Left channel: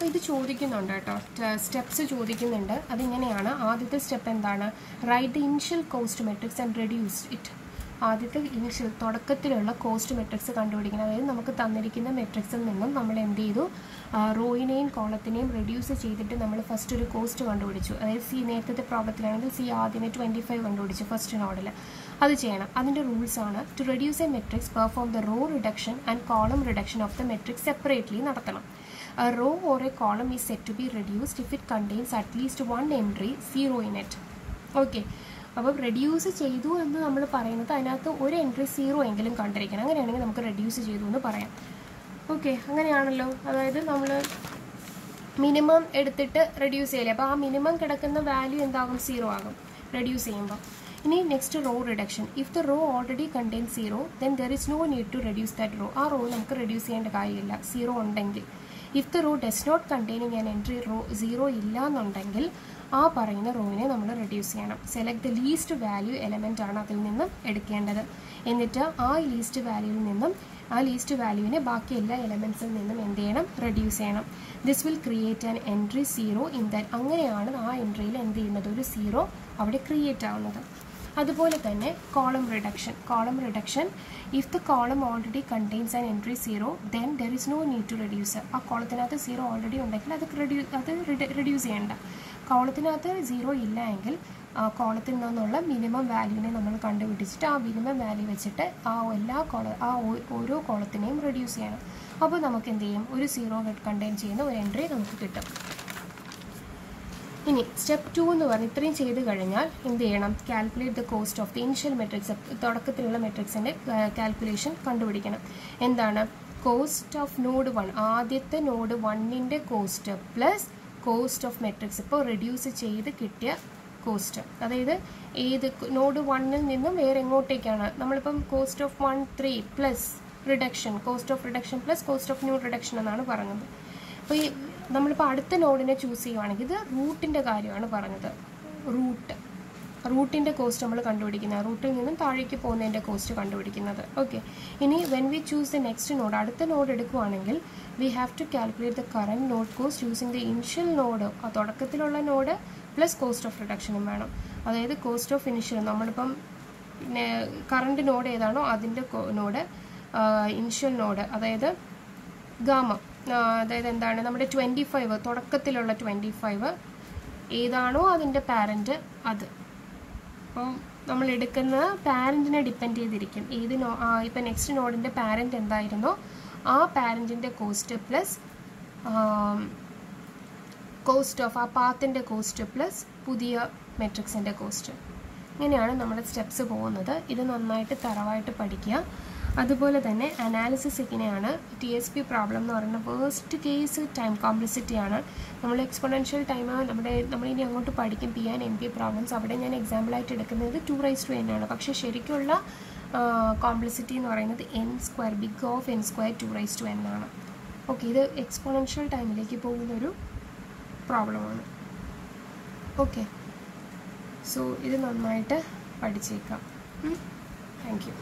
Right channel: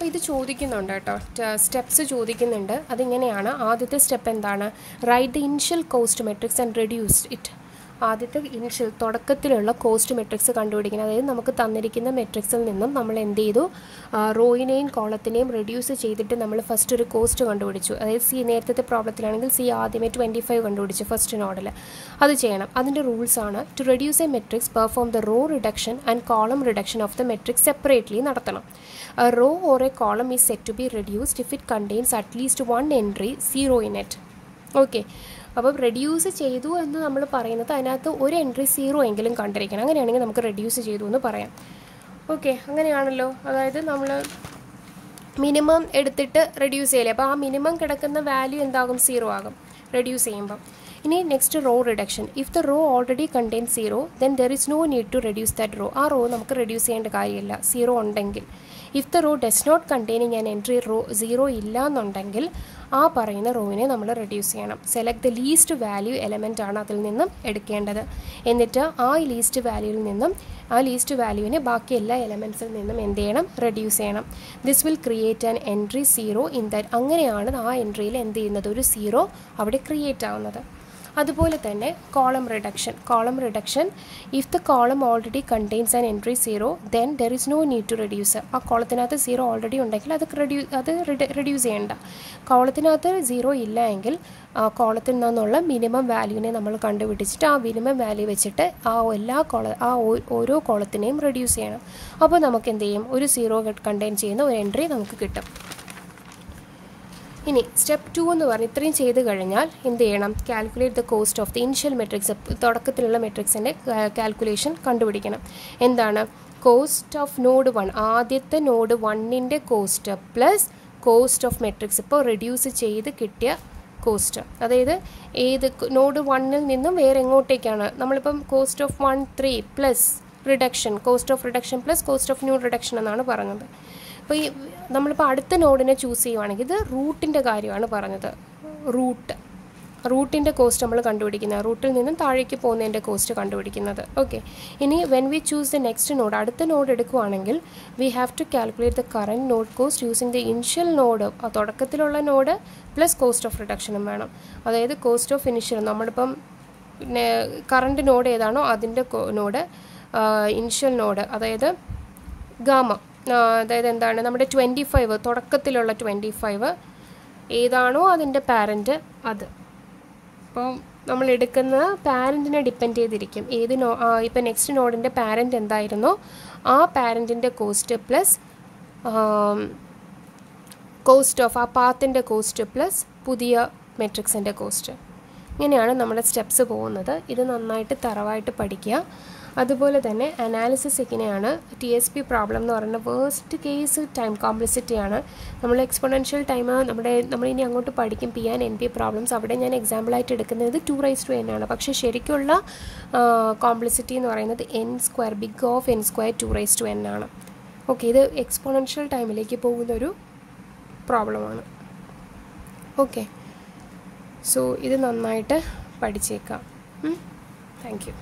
അപ്പോൾ ഇത് ചോദിക്കുന്നുണ്ട് കേട്ടോ, സ്റ്റെപ്സ് ചോദിക്കുന്നുണ്ട്. അതിങ്ങനെയാണ്. ആദ്യത്തെ സ്റ്റെപ്പ് എന്താണ്? Write the initial cost matrix and reduce it. ആദ്യത്തെ ഇനിഷ്യൽ തുടക്കത്തിലുള്ള കോസ്റ്റ് മെട്രിക്സ് കണ്ടുപിടിക്കണം. അതായത് നമുക്ക് തന്നിരിക്കുന്ന മെട്രിക്സിൽ നിന്നും നമ്മൾ എന്ത് ചെയ്തു, റോയിനെയും കോളത്തിനെയും റെഡ്യൂസ് ചെയ്തിട്ട് നമ്മൾ ഫസ്റ്റ് ഒരു കോസ്റ്റ് കണ്ടുപിടിച്ചു. അതായത് സി, നേരത്തെ പ്രോബ്ലത്തിലാണെങ്കിൽ സി ആദ്യമേ 25 കണ്ടുപിടിച്ചു ഫസ്റ്റ് നോഡിൽ. അത് ചെയ്യണം. അതിൻ്റെ റൂൾസാണ്: to reduce a matrix perform the row reduction and column reduction of the matrix separately നടത്തണം. A row or a column is said to be reduced if it contains at least one entry 0 in it. Okay, അപ്പം reduce ചെയ്തു എന്ന് നമ്മൾ പറയുന്നത് അതിനകത്ത് ഒരു entry 0 എങ്കിലും കണ്ടിരിക്കണം. അങ്ങനെയാണെങ്കിൽ നമുക്ക് റെഡ്യൂസ് ചെയ്തു എന്ന് പറയാം. ഓക്കെ, അങ്ങനെയാണല്ലോ. അതായത് നമ്മൾ മിനിമം എടുത്തിട്ട് റെഡ്യൂസ് ചെയ്യില്ലേ, അപ്പോൾ ആ മിനിമം കിടക്കുന്ന വാല്യൂ എന്താകും? 0 ആകും റെഡ്യൂസ് ചെയ്യുമ്പോൾ. ഇനി next row reduction. If the row already contain 0 then there is no need to reduce that row. ആ റോ നമുക്ക് റെഡ്യൂസ് ചെയ്യേണ്ട കാര്യമില്ല 0 ഉണ്ടെങ്കിൽ. If the row does not containing an entry row 0 ഇല്ല എന്നുണ്ടെങ്കിൽ ആ പറയുന്ന റോവിനെ നമ്മൾ റെഡ്യൂസ് ചെയ്യണം. Select the least value element ആണ് അതിൽ നിന്നും എടുക്കേണ്ടത്. എന്നിട്ട് ആ ലീസ്റ്റ് വാല്യൂവിൽ നിന്നും ആ ലീസ്റ്റ് വാല്യൂവിനെ ബാക്കി എല്ലാ എലമെൻസിൽ നിന്നും എന്ത് ചെയ്യണം? റെഡ്യൂസ് ചെയ്യണം. This will create an entry 0 in that. അങ്ങനെയാണ് ആ എൻട്രിയിൽ എന്ത് ചെയ്യുന്നത്? ഒരു 0 അവിടെ ക്രിയേറ്റ് ആവുന്നത്. അതുപോലെ തന്നെ column reduction. If the column already contains an entry 0 then there is no need to reduce. ആ കോളത്തിനകത്ത് 0 ഓൾറെഡി ഉണ്ടെങ്കിൽ അത് റെഡ്യൂസ് ചെയ്യേണ്ട. കോളത്തിനകത്ത് 0 ഇല്ല എങ്കിൽ ആ കോളത്തിൽ നിന്നുള്ള മിനിമം വാല്യൂവിനെ നമ്മൾ കണ്ടുപിടിച്ചിട്ട് ആ മിനിമം വാല്യൂ വെച്ചിട്ട് ആ ഓരോ കോളത്തിനെയും റെഡ്യൂസ് ചെയ്യണം. അപ്പോൾ നമുക്ക് എന്ത് ചെയ്യും? ഒരു 0 കണ്ടെയ്ൻ ചെയ്യുന്ന ഒരു എൻട്രി നമുക്ക് കിട്ടും. ഇനി സ്റ്റെപ്പ് 2 എന്ന് പറഞ്ഞ് ഇത്രയും ചെയ്ത് കഴിഞ്ഞാൽ എന്ത് ചെയ്യണം? Calculate the cost of the initial matrix. തുടക്കത്തിലുള്ള മെട്രിക്സിൻ്റെ കാൽക്കുലേഷൻ കണ്ടുപിടിക്കണം. എന്താണ്? കോസ്റ്റ് ഓഫ് നോഡ് 1, ആദ്യത്തെ നോഡ് 1ൻ്റെ cost plus cost of matrix, ഇപ്പോൾ റെഡ്യൂസ് ചെയ്ത് കിട്ടിയ കോസ്റ്റ്. അതായത് ഏത് നോഡ് 1ൽ നിന്നും വേറെ എങ്ങോട്ടേക്കാണ് നമ്മളിപ്പം cost of 1 3 plus reduction, cost of reduction plus cost of new reduction എന്നാണ് പറഞ്ഞത്. അപ്പോൾ ഈ നമ്മളിപ്പോൾ അടുത്ത നോഡിനെ ചൂസ് ചെയ്യുവാണെങ്കിൽ ഇത് റൂട്ടിൻ്റെ കാര്യമാണ് പറഞ്ഞത്. റൂട്ടിൻ്റെ കോസ്റ്റ് നമ്മൾ കണ്ടുപിടിക്കുന്നത്, റൂട്ടിൽ നിന്നും താഴേക്ക് പോകുന്നതിൻ്റെ കോസ്റ്റ് കണ്ടുപിടിക്കുന്നത്. ഓക്കെ, ഇനി when we choose the next node, അടുത്ത നോഡ് എടുക്കുവാണെങ്കിൽ we have to calculate the current node cost using the initial node, തുടക്കത്തിലുള്ള നോഡ് പ്ലസ് കോസ്റ്റ് ഓഫ് റിഡക്ഷനും വേണം. അതായത് കോസ്റ്റ് ഓഫ് ഇനിഷ്യൽ നമ്മളിപ്പം കറൻറ്റ് നോഡ് ഏതാണോ അതിൻ്റെ നോഡ്, ഇനിഷ്യൽ നോഡ് അതായത് ഗാമ, അതായത് എന്താണ് നമ്മുടെ 25, തുടക്കത്തിലുള്ള 25 ഏതാണോ അതിൻ്റെ പാരൻറ്റ് അത്. അപ്പോൾ നമ്മൾ എടുക്കുന്ന പാരൻറ്റിനെ ഡിപ്പെൻഡ് ചെയ്തിരിക്കും. ഇപ്പം നെക്സ്റ്റ് നോഡിൻ്റെ പാരൻറ്റ് എന്തായിരുന്നോ ആ പാരൻറ്റിൻ്റെ കോസ്റ്റ് പ്ലസ് കോസ്റ്റ് ഓഫ് ആ പാത്തിൻ്റെ കോസ്റ്റ് പ്ലസ് പുതിയ മെട്രിക്സിൻ്റെ കോസ്റ്റ്. ഇങ്ങനെയാണ് നമ്മുടെ സ്റ്റെപ്സ് പോകുന്നത്. ഇത് നന്നായിട്ട് തറവായിട്ട് പഠിക്കുക. അതുപോലെ തന്നെ അനാലിസിസ് എങ്ങനെയാണ്? TSP പ്രോബ്ലം എന്ന് പറയുന്നത് വേസ്റ്റ് കേസ് ടൈം കോംപ്ലക്സിറ്റിയാണ്. നമ്മൾ എക്സ്പോണൻഷ്യൽ ടൈം നമ്മളിനി അങ്ങോട്ട് പഠിക്കും PN/NP പ്രോബ്ലംസ്. അവിടെ ഞാൻ എക്സാമ്പിളായിട്ട് എടുക്കുന്നത് 2n ആണ്. പക്ഷേ ശരിക്കുള്ള കോംപ്ലക്സിറ്റി എന്ന് പറയുന്നത് n², big of n², 2n ആണ്. ഓക്കെ, ഇത് എക്സ്പോണൻഷ്യൽ ടൈമിലേക്ക് പോകുന്നൊരു പ്രോബ്ലമാണ്. ഓക്കെ, സോ ഇത് നന്നായിട്ട് പഠിച്ചേക്കാം. Thank you.